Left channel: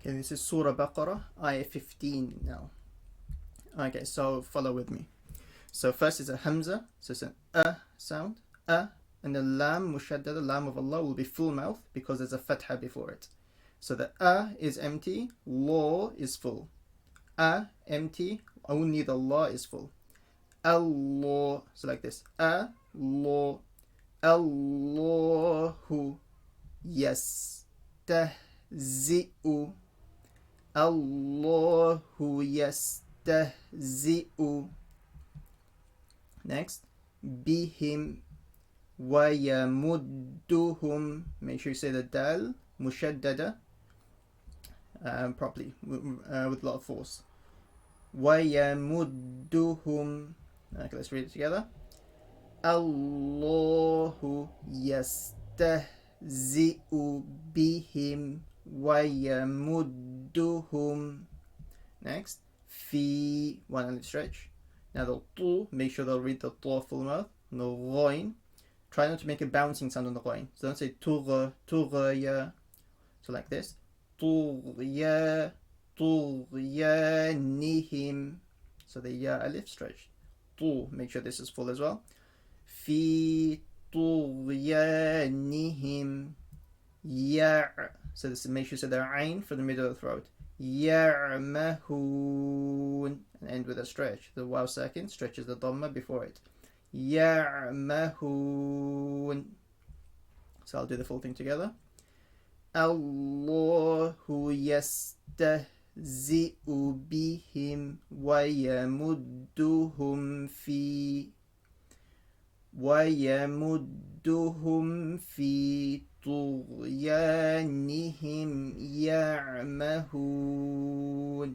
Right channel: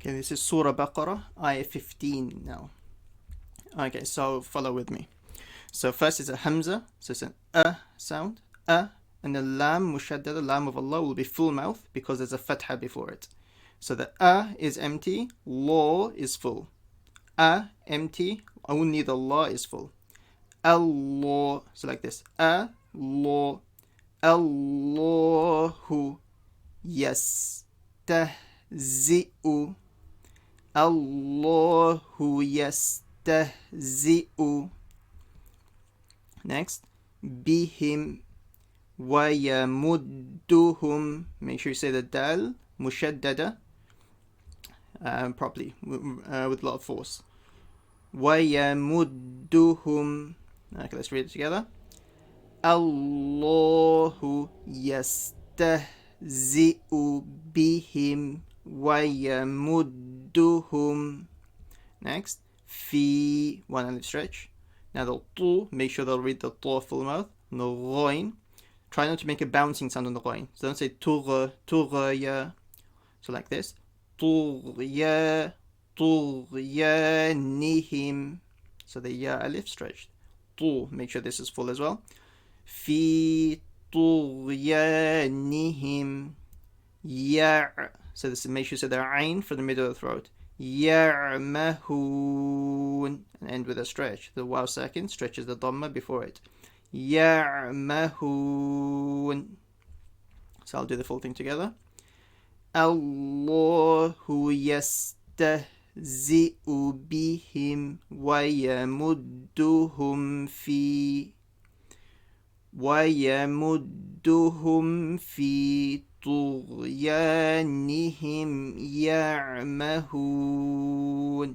Okay, this is Surah Baqarah, ayah 15 now. Okay, so follow with me. So first is a hamza, so it's an sound, and the lam mushaddada, lam of Allah will be full mouth because there's a fatha before it. So the is empty, law is full. Empty, only the law is full. Allah, so like this. Law, Allahu, yastahzi'u, Allahu yastahzi'u. Next, bihim wa yamudduhum. Make sure you say the dal mushaddada properly with a lot of force. Wa yamudduhum. Okay, let's read it together. Allahu yastahzi'u bihim wa yamudduhum. Next, fi, one alif stretch. Now the tu, make sure they'll read the tu full mouth. No ghoin. Try not to make a bouncing sound on the ghoin. So don't say tughya. So like this. Tughyanihim. So the ya alif stretched. Tu, make sure this is full as well. Fi tughyanihim. Ya. So this, make sure you say the ain for the middle of the throat. Ya'mahun, and end with a stretch. The waw second stretches the dhamma before it. Ya'mahun. So I'll do the full thing together. Allahu yastahzi'u bihim wa yamudduhum fi طغيانهم يعمهون.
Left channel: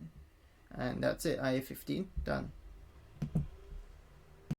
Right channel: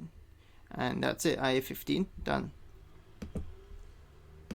And that's it, ayah 15 done.